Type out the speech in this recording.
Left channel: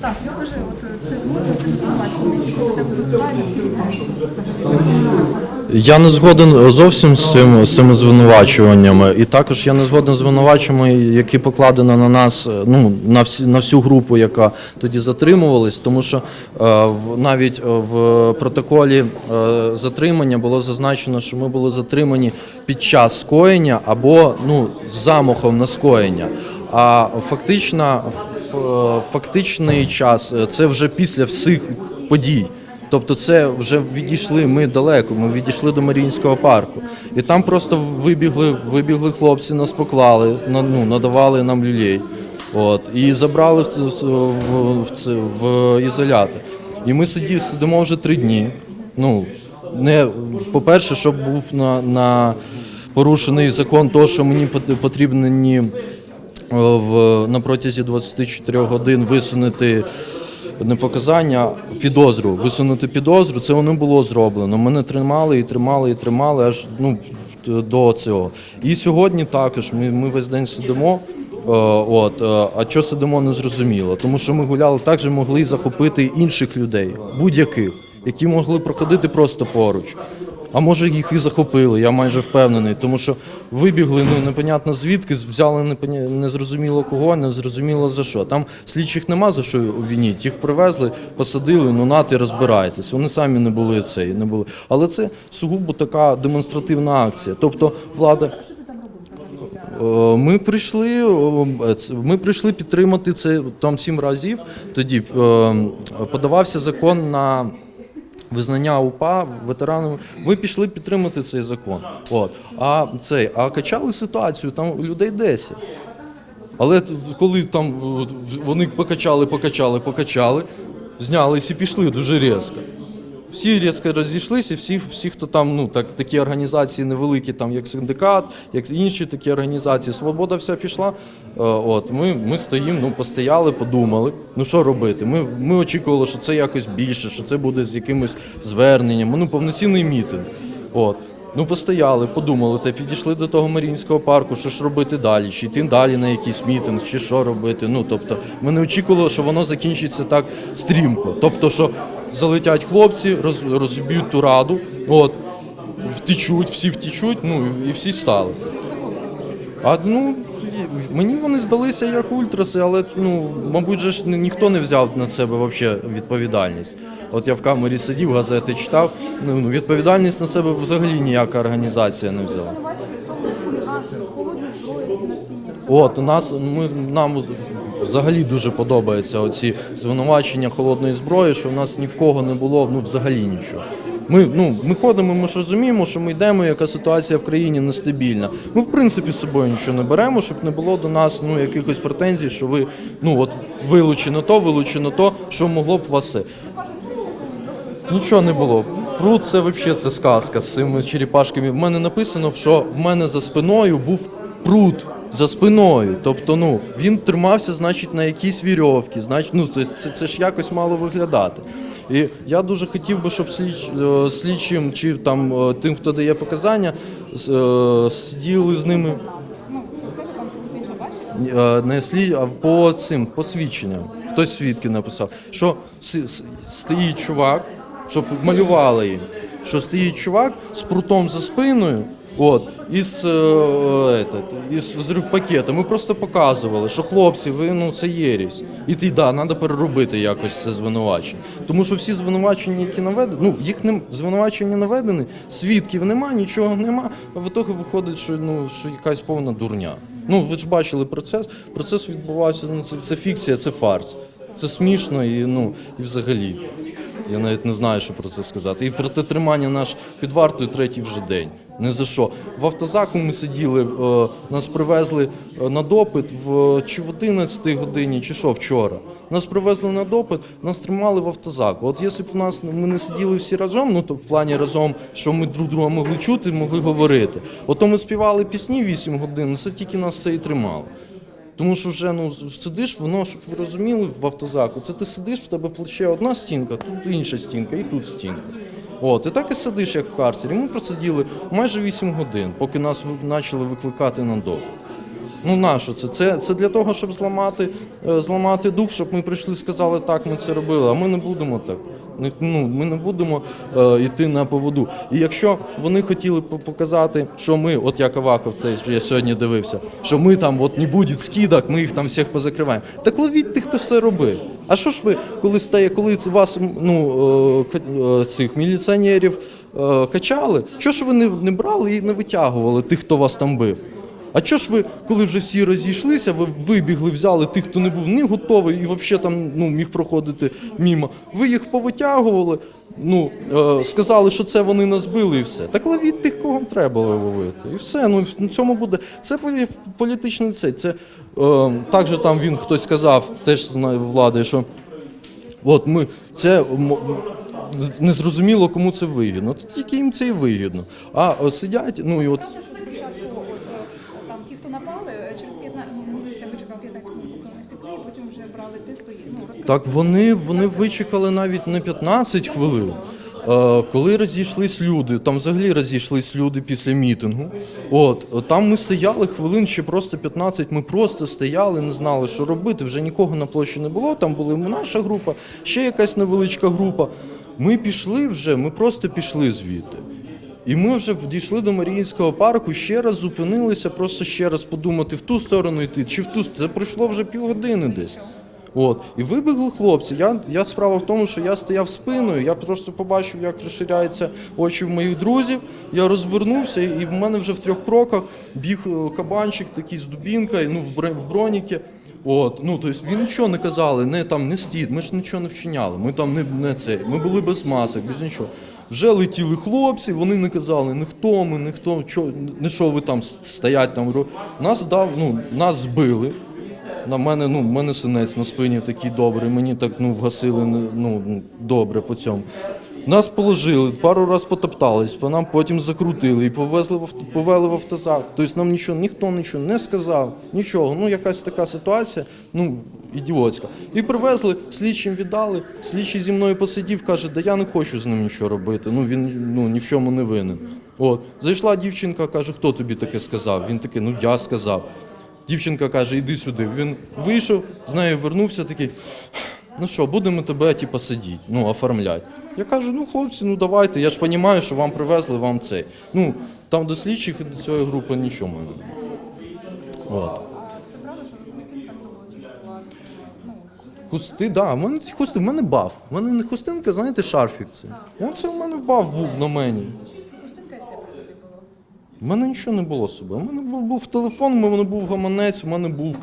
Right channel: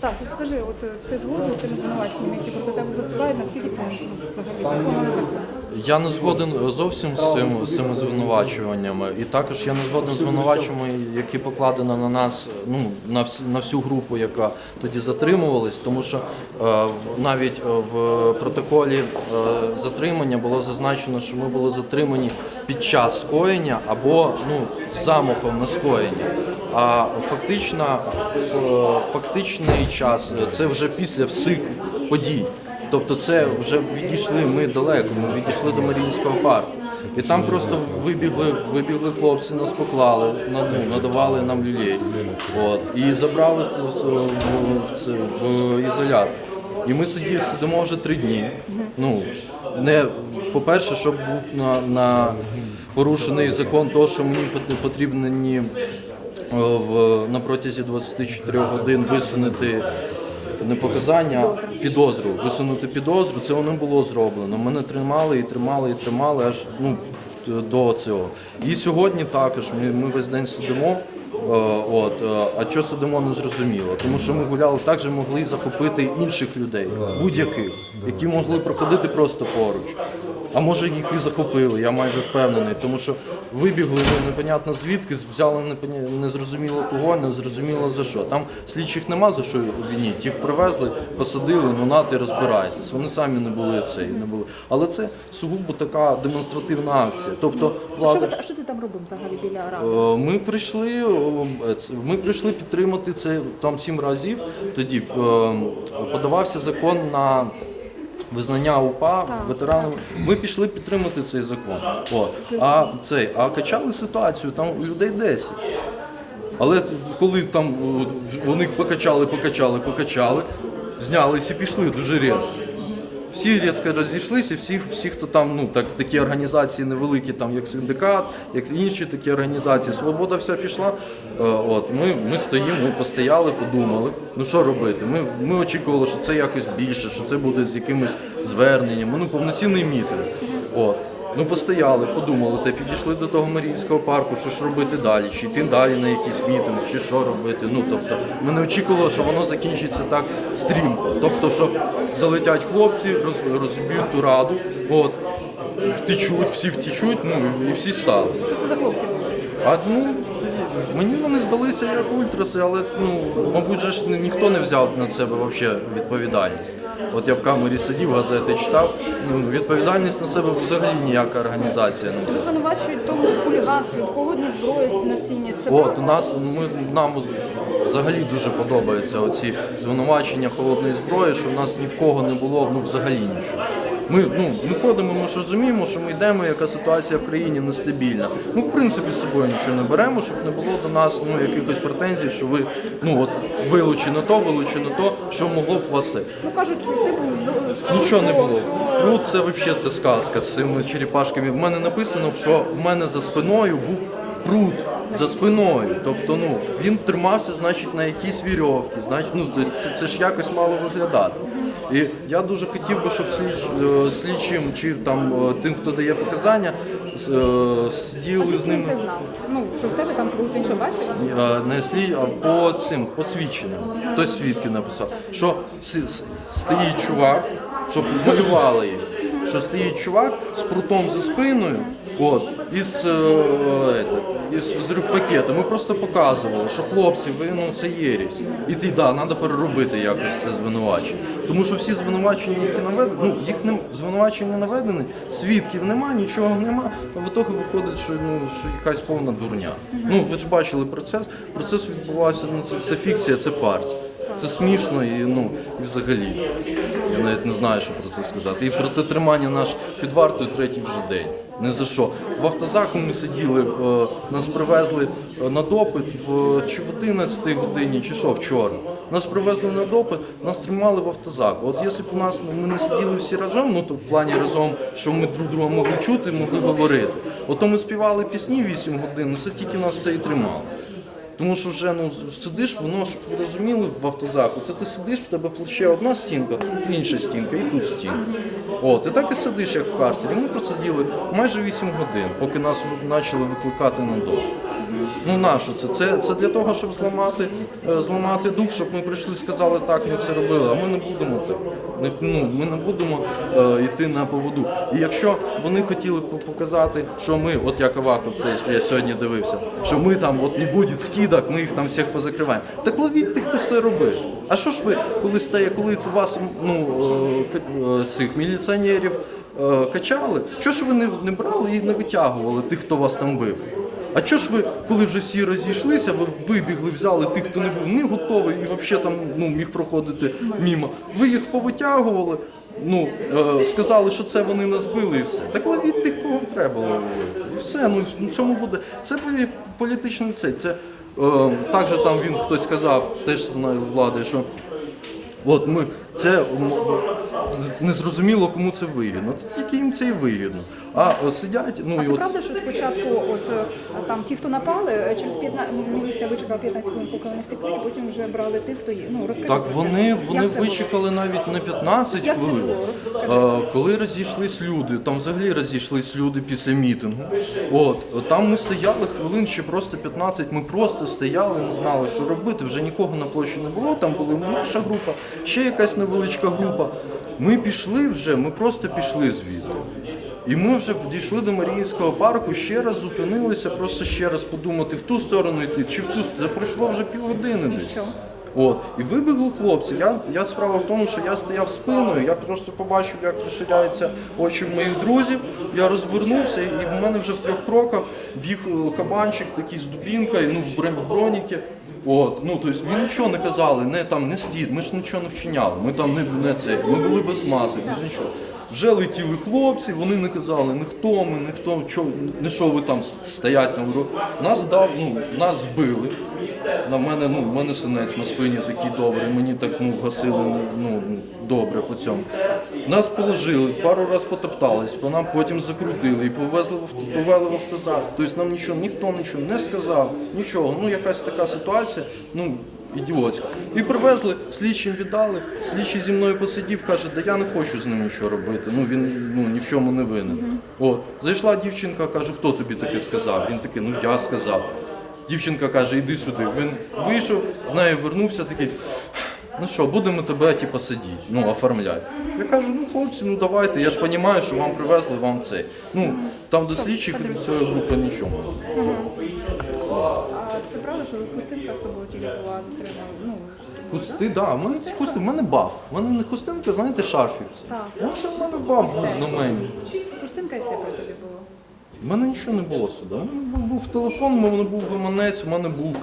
Стас, скажи, от е, ти згоден з тими звинуваченнями, які проти тебе виступають, наскільки це? Я не згоден зовсім з цим з цими звинувачуваннями, і також я не згоден з звинуваченнями, які покладено на нас, е, ну на всі на всю групу, яка тоді затримувалась, тому що е, в- навіть е, в протоколі е, затримання було зазначено, що ми були затримані під час скоєння або ну з замахом на скоєння. А фактично, фактичний час е, це вже після всіх подій. Тобто це вже відійшли ми далеко, ми відійшли до Маріїнського парку. І там просто вибігли, вибігли хлопці, нас поклали, на- ну, надавали нам люлей. От, і забрали в, в, в, ізолятор. І ми сидів, сидимо вже три дні. Ну, не, по-перше, щоб був на, на порушений закон того, що мені пот- потрібні в, на протязі 24 годин висунути не показання, підозру. Висунути підозру, це не було зроблено. Мене тримали і тримали, і тримали аж ну, до цього. І сьогодні також ми, ми весь день сидимо. е, От, е, а що сидимо, не зрозуміло. Тому що ми гуляли, також могли захопити інших людей, будь-яких, які могли проходити просто поруч. А може їх і захопили, я майже впевнений, тому що вибігли непонятно звідки, взяли незрозуміло кого, незрозуміло за що. Там слідчих нема за що вініть. Їх привезли, посадили, ну нати розбирайтесь. Вони самі не були цей, не були. Але це сугубо така демонстративна акція. Тобто Що, влада. ви- а що ти там робив взагалі біля ради? Е, Ми прийшли, е, ми прийшли підтримати це там сім разів. Тоді е, подавався закон на визнання УПА ветеранами. Ми пішли підтримати цей закон. От. А цей, а качали ситуацію, там людей 10. Але коли там от, вони покачали, покачали, покачали, знялись і пішли дуже різко. Всі різко розійшлися, всі, всі, хто там, ну так, такі організації невеликі, там як синдикат, як інші такі організації, свобода вся пішла. Е, От ми, ми стоїмо, ну постояли, подумали. Ну що робити? Ми, ми очікували, що це якось більше, що це буде з якимось зверненням. Ну повноцінний мітинг. От. Ну, постояли, подумали, та підійшли до того Маріїнського парку, що ж робити далі, чи йти далі на якийсь мітинг, чи що робити. Ну, тобто, ми не очікували, що воно закінчиться так стрімко. Тобто, що залетять хлопці, роз, розіб'ють ту раду, от, втечуть, всі втечуть, ну і всі стали. Що це за хлопці? А ну мені вони здалися як ультраси, але ну мабуть же ж ні- ніхто не взяв на себе вообще відповідальність. От я в камері сидів, газети читав. Ну відповідальність на себе взагалі ніяка організація не взяла. Звинувачують тому хуліганство, холодні зброї носіння. Це От нас ми нам взагалі дуже подобаються оці звинувачення холодної зброї, що в нас ні в кого не було ну взагалі нічого. Ми ну ми ходимо, ми ж розуміємо, що ми йдемо, яка ситуація в країні нестабільна. Ми в принципі з собою нічого не беремо, щоб не було до нас ну якихось претензій, що ви ну от вилучено то, вилучено то, що могло б вас. Ну кажуть, що ти Нічого не було. Пруд це взагалі це сказка з цими черепашками. В мене написано, що в мене за спиною був пруд за спиною. Тобто, ну він тримався, значить, на якійсь вірьовці. Значить, ну це, це, це ж якось мало виглядати. І я дуже хотів би, щоб слідч, е, слідчим чи там е, тим, хто дає показання, е, сиділи з ними. Ну, що в тебе там круто, він що бачив? Е, не слід, а по цим посвідченням. Хтось свідки написав, що стоїть чувак, щоб малювали їх, що стоїть чувак з прутом за спиною, от, із, е, этот, із. Ми просто показували, що хлопці, ви ну це єрість. І ти да, треба переробити якось це звинувачення. Тому що всі звинувачення, які наведені, ну їх не звинувачення наведені, свідків нема, нічого нема. А в ітогі виходить, що ну що якась повна дурня. Ну ви ж бачили процес. Процес відбувався. Ну це, це фікція, це фарс. Це смішно і ну взагалі. Я навіть не знаю, що про це сказати. І проти тримання наш під вартою третій вже день. Не за що. В автозаку ми сиділи, е, нас привезли е, на допит в чи в 11 годині, чи що вчора. Нас привезли на допит, нас тримали в автозаку. От якщо б у нас ми не сиділи всі разом, ну то в плані разом, що ми друг друга могли чути, могли говорити. Ото ми співали пісні 8 годин, це тільки нас це і тримало. Тому що вже ну сидиш, воно ж розуміли в автозаку. Це ти сидиш, в тебе плече одна стінка, тут інша стінка, і тут стінка. От, і так і сидиш, як в карцері. Ми просиділи майже 8 годин, поки нас почали викликати на дом. Ну нащо це? це? Це для того, щоб зламати, е, зламати дух, щоб ми прийшли і сказали, так, ми це робили, а ми не будемо так. Ну, ми не будемо е, йти на поводу. І якщо вони хотіли показати, що ми, от як Аваков, я сьогодні дивився, що ми там от не буде скидок, ми їх там всіх позакриваємо. Так ловіть тих, хто це робить. А що ж ви, коли стає, коли вас ну, е, цих міліціонерів качали, що ж ви не брали і не витягували тих, хто вас там бив? А чого ж ви, коли вже всі розійшлися, ви вибігли, взяли тих, хто не був не готовий і взагалі там ну, міг проходити мімо. Ви їх повитягували, ну, е, сказали, що це вони нас били і все. Так ловіть тих, кого вам треба ловити. І все, ну в цьому буде. Це буде політичний цей. Це е, також там він хтось сказав, теж знаю влади, що От ми це незрозуміло, кому це вигідно. Тільки їм це і вигідно. А е, сидять, ну А і це от правда, що спочатку от е, там ті, хто напали, е, через 15 міліція вичекала 15 хвилин, поки вони втекли, і потім вже брали тих, хто є. Ну розкажіть. Так вони, вони вичекали навіть не 15 Як це хвилин. Коли розійшлись люди, там взагалі розійшлись люди після мітингу. От там ми стояли хвилин ще просто 15, Ми просто стояли, не знали, що робити. Вже нікого на площі не було. Там була і наша група, ще якась невеличка група. Ми пішли вже, ми просто пішли звідти. І ми вже дійшли до Маріїнського парку, ще раз зупинилися, просто ще раз подумати, в ту сторону йти, чи в ту сторону. Це пройшло вже півгодини десь. От, і вибігли хлопці. Я, я справа в тому, що я стояв спиною, я просто побачив, як розширяються очі моїх друзів. Я розвернувся, і в мене вже в трьох кроках біг е, кабанчик, такий з дубінкою, ну, в броніки. От, ну, тобто він нічого не казали, не там, не стід, ми ж нічого не вчиняли, ми там не, не це, ми були без масок, без нічого. Вже летіли хлопці, вони не казали, не хто ми, не хто, чо, не що ви там стоять там. Нас дав, ну, нас збили. На мене, ну, в мене синець на спині такий добрий, мені так ну, вгасили ну, ну, добре по цьому. Нас положили, пару раз потоптались, по нам потім закрутили і повезли в авто, повели в автозак. Тобто нам нічого, ніхто нічого не сказав, нічого. Ну, якась така ситуація, ну, ідіотська. І привезли, слідчим віддали, слідчий зі мною посидів, каже, да я не хочу з ним нічого робити. Ну він ну, ні в чому не винен. От. Зайшла дівчинка, каже, хто тобі таке сказав? Він такий, ну я сказав. Дівчинка каже, іди сюди. Він вийшов, з нею вернувся такий. Ну що, будемо тебе типу, сидіти, ну, оформляти. Я кажу, ну хлопці, ну давайте, я ж розумію, що вам привезли, вам цей. Ну, там до слідчих до цієї групи нічого. Це правда, що хустинка в тобі була затримана? Ну, Хусти, да, в мене ці хусти, в мене баф. В мене не хустинка, знаєте, шарфік це. Так. Ось в мене баф був на мені. хустинка і все при тобі було. У мене нічого не було сюди. У мене був, був телефон, у мене був гаманець, у мене був